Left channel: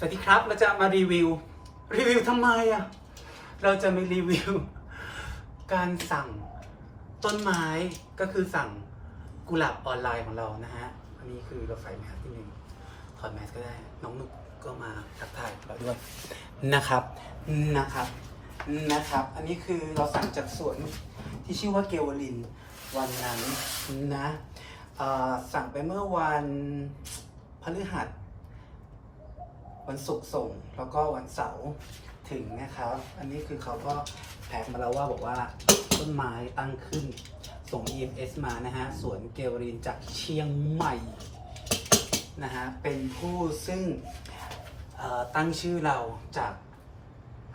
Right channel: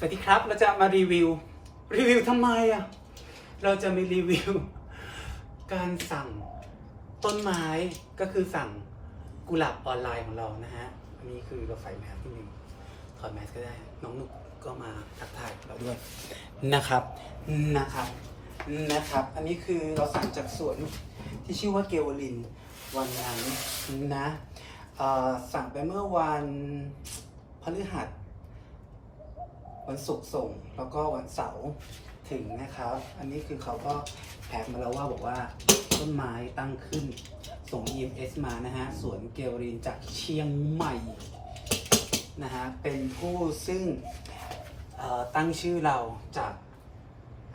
สวัสดีครับ เราจะมารีวิว รีวิวทำไมอะ เราจะมีรีวิว การสั่งต้นไม้ก็คือสั่งกุหลาบออนไลน์ของเรานะฮะ อันนี้คือเราใส่แมสที่หนึ่งถอดแมสก็ได้ น้องนุกก็มาทักทายเราด้วยนะครับ นะครับ นะครับ อันนี้คือเราสั่งจากสวนที่ชื่อว่าเกวลินวันนั้นนะเอ่อสั่งไปเมื่อวันพฤหัส วันศุกร์ส่งแล้วก็วันเสาร์ถึงนะครับ อันนี้คือเขาก็แท็กมาแล้วว่าบอกว่าต้นไม้ตั้งขึ้น ส่ง EMS มานะฮะสวนเกวรินจากเชียงใหม่นะฮะเป็นผู้ซึ่งตั้งชื่อเราจาก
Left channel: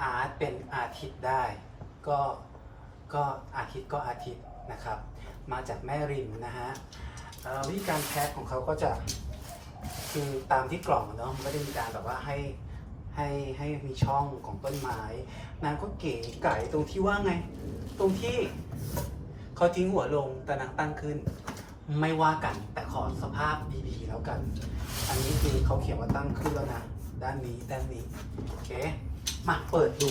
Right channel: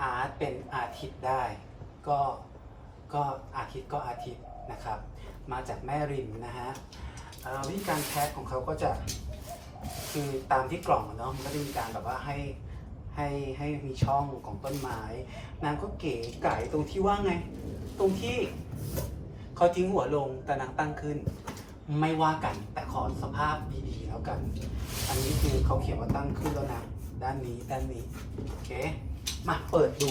อาร์ตเป็นอาทิตย์ได้ ก็ก็อาทิตย์ก็อาทิตย์นะครับ มาจากแม่ริมนะฮะวิธีการแพ็คของเขาก็จะ คือตามที่กล่องเนาะมันไม่ได้มีการแบบว่าให้ให้ให้มีช่องของต้นไม้ นางก็เก๋ไก่ตรงที่ว่าไง ตรงที่เขาทิ้งหัวลงแต่นางตั้งขึ้น ไม่ว่ากันแต่ขอสภาพดีๆแล้วกัน อันนี้คือเขาเขียนว่าตั้งขึ้นแล้วนะด้านนี้ด้านนี้โอเคมาเปิดดู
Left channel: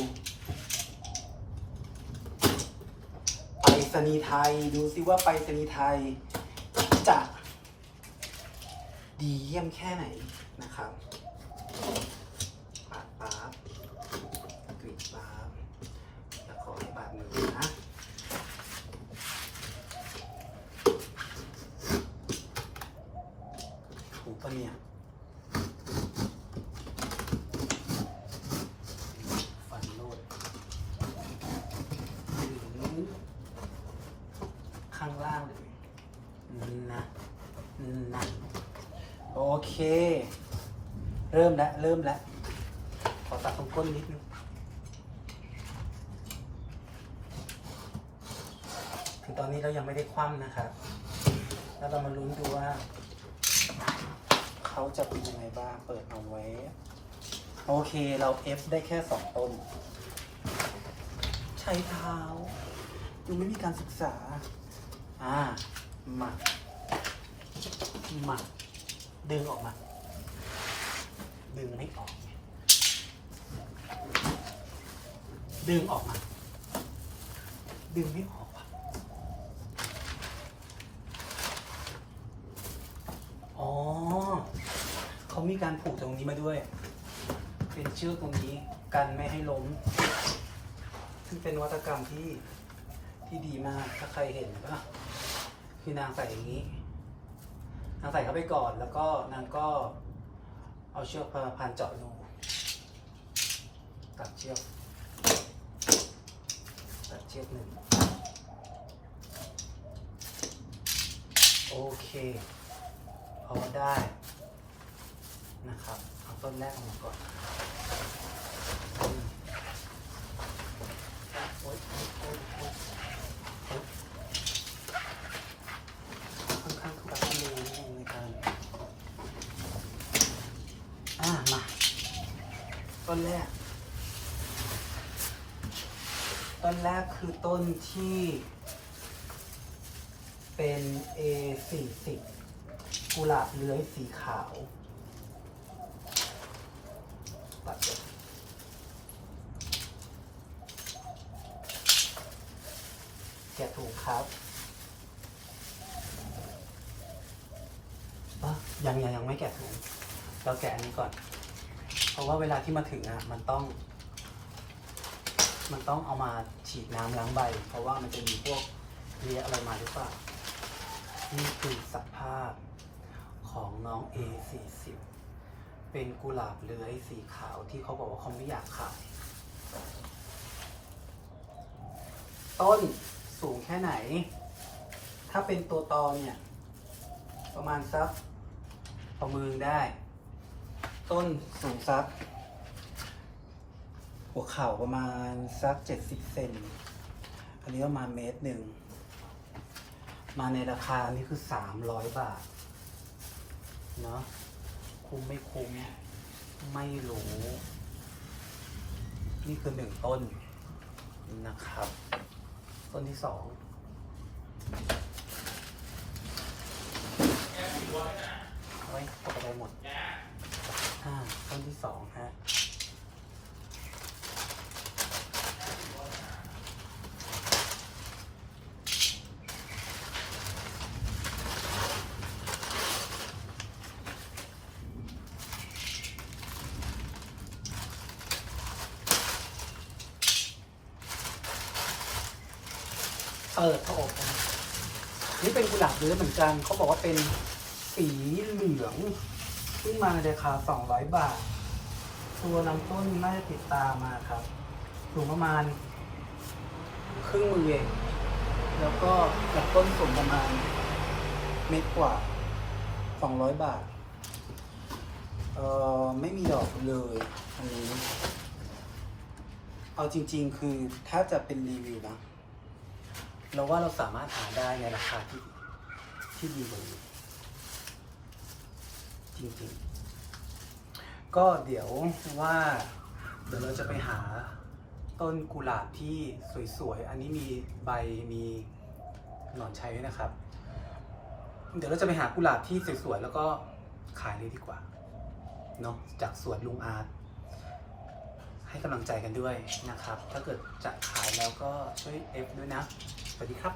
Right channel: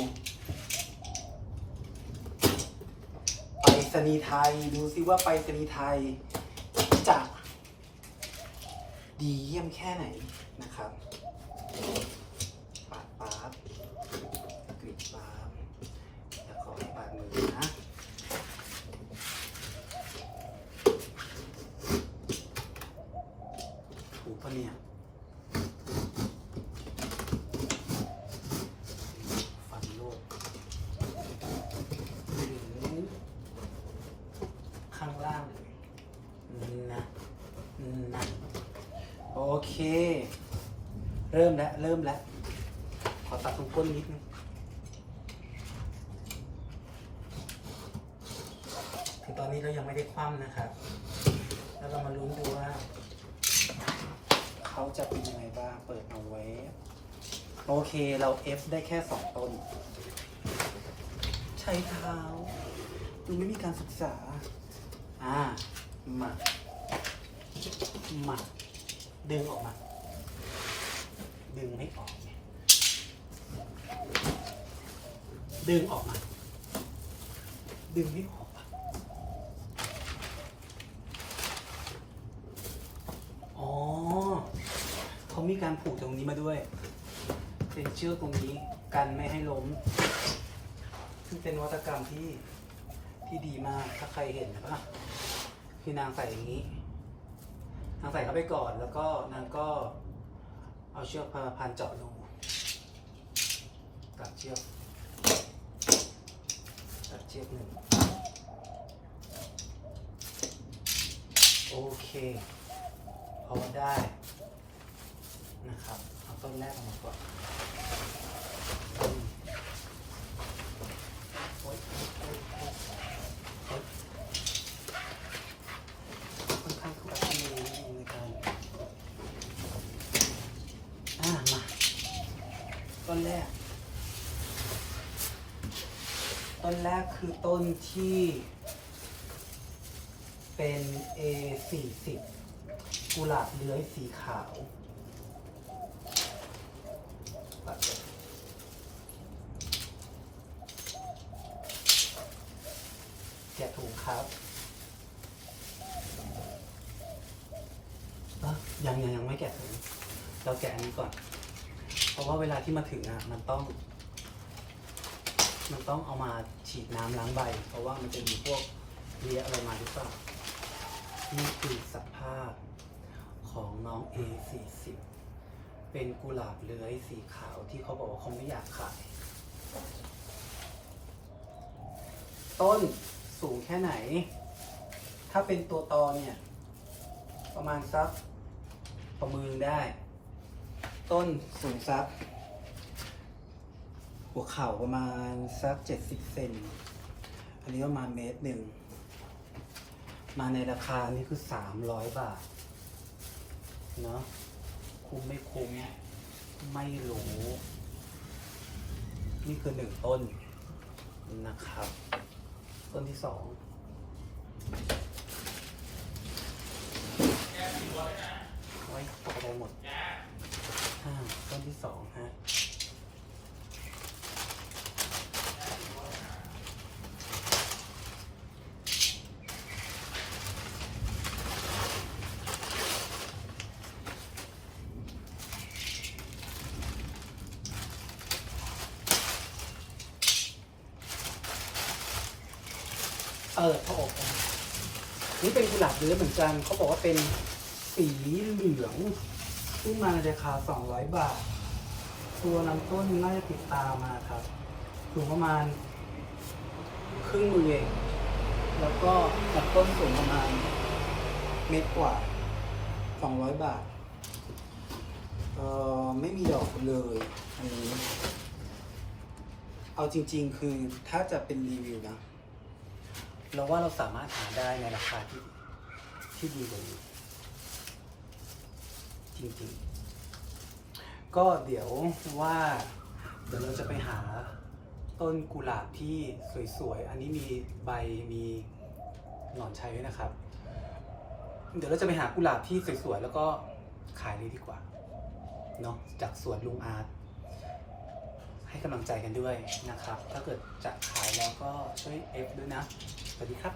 ไปรษณีย์ไทยดูซิว่าไปรษณีย์ไทยจะ ดีเยี่ยมแค่ไหนนะครับปาดปาดกรีดปาดจะขอให้ปาดมือนะถูกปะเนี่ยฟันโลดถึงข้างล่างเลยนะนะ โอ เค เริ่มแล้ว เริ่มแล้ว ขอตัดตรงก้นนิดนึงคือตอนนี้เรายังไม่ได้คว่ำนะครับ แล้วเรามาลุ้นดูว่า เขาจะเป็นยังไงบ้าง เปิดเอาไว้ โอเคเราเอฟได้แค่สองต้น ใช้เท้ายังไม่มีการศึกษา อ่ามามา ดึงออกมา ดึงไม่ออก ดึงออกมา ดึงไม่ออกอะอ๋อเขามีการผูกตรงนี้มาด้วย เป็นเชือกตรงนี้กันไม่ให้ล้มซึ่งเป็นวัตกรรมที่ที่ดีมาก ถ้าใครเห็นป่ะคือนางใส่อย่างนี้ นางใส่เข้าไปก่อน แล้วก็นางก็เอาเชือกพาพันเจาะรูตัดเชือก ตัดเชือกหนึ่งโอเคพอได้นะครับ เอาต้นแรกออกมาก่อนต้นโอ๊ยโอ๊ยโอ๊ยโอ๊ยโอ๊ยค่อนข้างทุรักทุเลนิดนึงในการอ่ามา ต้น แรก ต้นแรกคือต้นที่ เป็น A 4 0 กุหลาบเลื้อยสีขาว ตัดเลยแกะถุงครับยังยังยังไม่แกะถุงเราแกะอันนี้ก่อน เพราะว่าเวลาที่มาถึงอะมันต้อง มันต้องเอามาฉีดน้ำล้างใบ เพราะว่ามันจะมีพวกเลียอะไรมาหรือเปล่านี่คือสภาพของน้อง A40 เป็นกุหลาบเลื้อยสีขาวที่เขาบอกว่าเขาไม่อยากขายต้นสูงแค่ไหน ถ้าเป็นตัวตอเนี่ย ประมาณสักประมือได้ ต้นสูงสัก หัวเข่าประมาณสักเจ็ดสิบเซนอันนี้ประมาณเมตรหนึ่ง มาในราคานี้คือสามร้อยบาท เนาะคุ้มไม่คุ้ม ไม่รู้ นี่คือหนึ่งต้นนะครับ ต้นที่สองไว้ตกไปหมด ต้นที่สองฮะเปิดพระอบนี่เป็นกุหลาบเนื้อเหมือนกัน เขาบอกว่าเป็นสีเหลือง ซึ่งมาในราคา 200 บาท ตัวนำต้นน่าจะติดตามมาครับสูงประมาณ ครึ่งมือเอง แล้วก็จากต้นสูงประมาณเมตรกว่า 200 บาท เอ่อ ไม่มีดอกเลยอันนี้เอาจริง ๆ คือถ้าจะเป็นรีวิวนะ เราว่าเราสามารถหาได้ในราคาที่ที่ดีกว่านี้ จริงๆ ก็เดี๋ยวว่าเดี๋ยวเราจะไปหาต้นกุหลาบที่สวยๆ อันนี้มีใบมีหนอนชัยด้วยนะครับ เดี๋ยวเราจะไปหากุหลาบที่สวยๆ แล้วก็ขายเลยดีกว่าเนาะจากสวนลุงอาร์ตให้กำลังใจกันด้วยนะครับ ถ้าเกิดจะขายแล้วก็ช่วยเอฟด้วยนะ สวัสดีครับ